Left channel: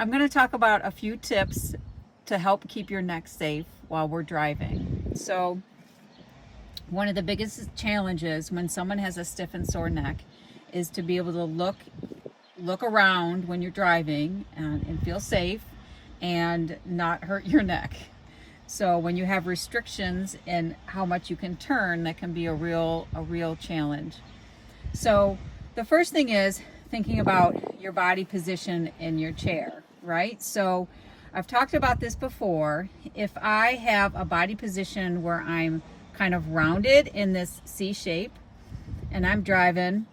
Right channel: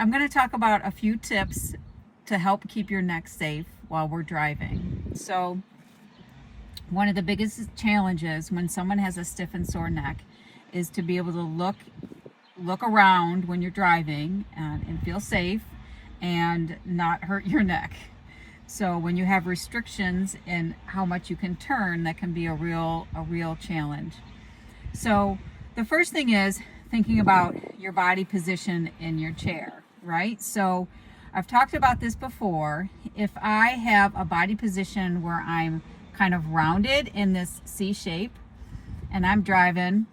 I'm going to talk about a few tips to help keep your neck safe while we're driving. So, one of the biggest challenges when someone has a stiff and sore neck is to be able to look around when you're driving and feel safe and not hurt your neck. So when you have restrictions in how much you can turn, that can be a real challenge. So the first thing is thinking about your body position in your chair, right? So I've talked about this before. If I have a body position where I'm kind of rounded in this C shape and I'm driving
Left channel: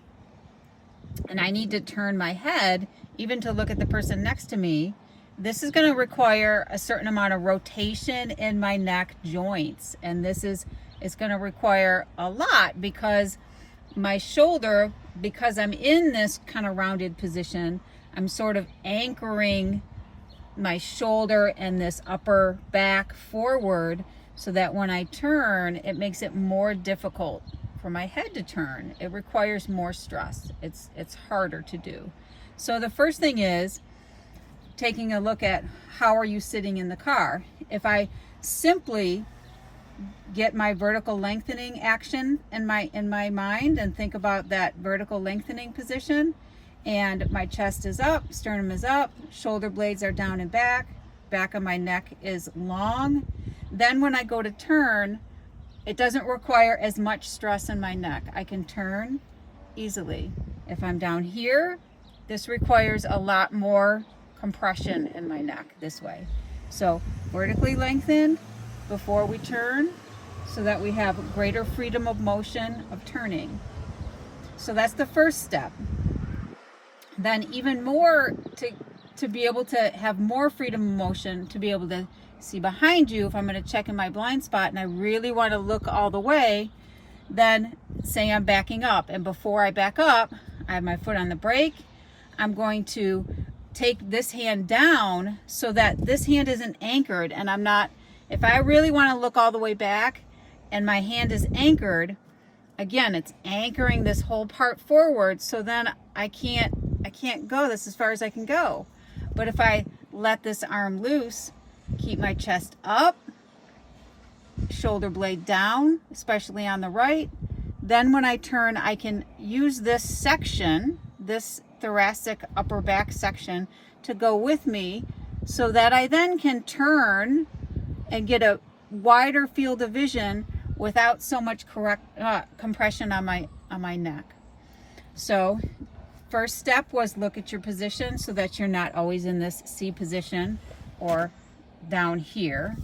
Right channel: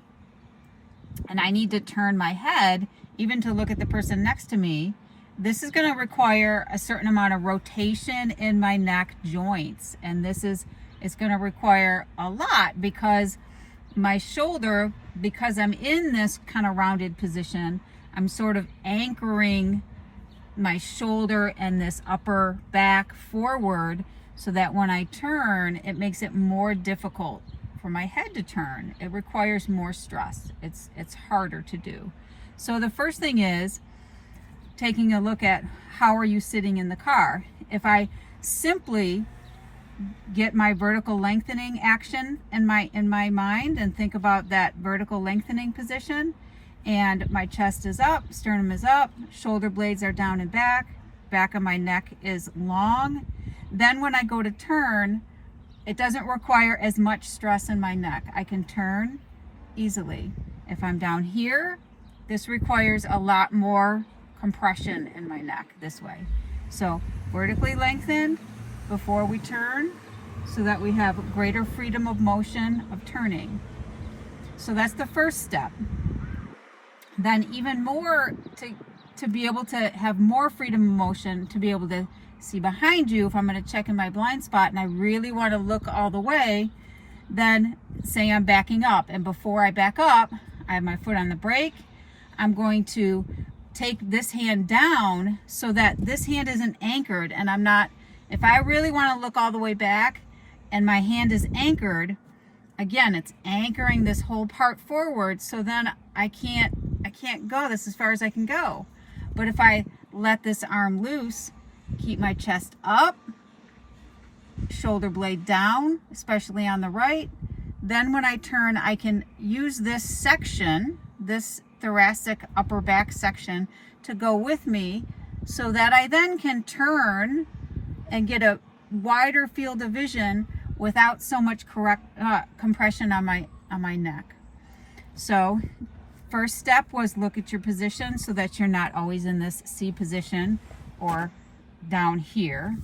and I need to turn my head even to look at the person next to me, this is going to require a certain amount of rotation in my neck joints. And it's going to require a lot because my shoulder, because I'm in this kind of rounded position, I'm sort of anchoring my shoulder and this upper back forward so that when I turn, it makes it more difficult for my head to turn. It requires more stress. It's harder to do. So the first thing is taking a look at how are you sitting in the car. If I simply get my vertical lengthening action in my mind and think about that vertical lengthening position, and my chest is up, sternum is up, shoulder blades are down and back of my neck is long, then when I go to turn, it doesn't require as much stress in my neck. I can turn easily. If I'm down here, this requires a lot more compression in my neck this way. So vertically lengthened before we turn so that we have greater freedom of motion of turning. So that's the first step. Then even more to be able to have more freedom of motion, to be able to see behind you if I'm going to check in my blind spot and I really want to look all the way, then say I'm backing up, and before I back up, I have my foot on the brake. I'm going to take this hand down so that this hand isn't anchored, and I'm not, if I really want to look all the way back and my hand is anchored, again, it's anchoring this whole part forward, so then I can't go this as far as I can go. But if I let this arm loose, keep my chest up, shoulder blade down, especially on the right, then when I turn, I can use this section, this thoracic upper back section, to go with me so that I then can turn and get a wider field of vision without so much compression on my neck. So first step was look at your position so that you're not always in this C position or down here,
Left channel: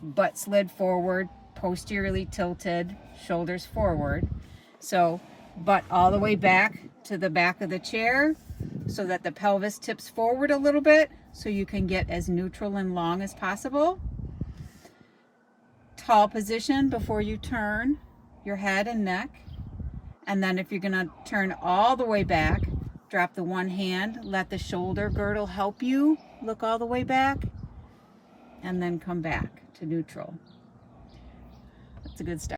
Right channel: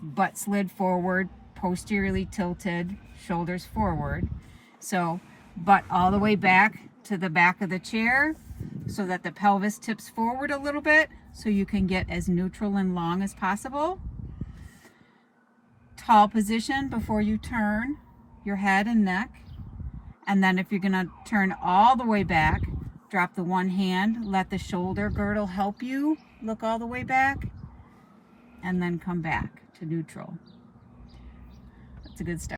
butt slid forward, posteriorly tilted, shoulders forward. So butt all the way back to the back of the chair so that the pelvis tips forward a little bit so you can get as neutral and long as possible. Tall position before you turn your head and neck. And then if you're going to turn all the way back, drop the one hand, let the shoulder girdle help you look all the way back, and then come back to neutral. That's a good start.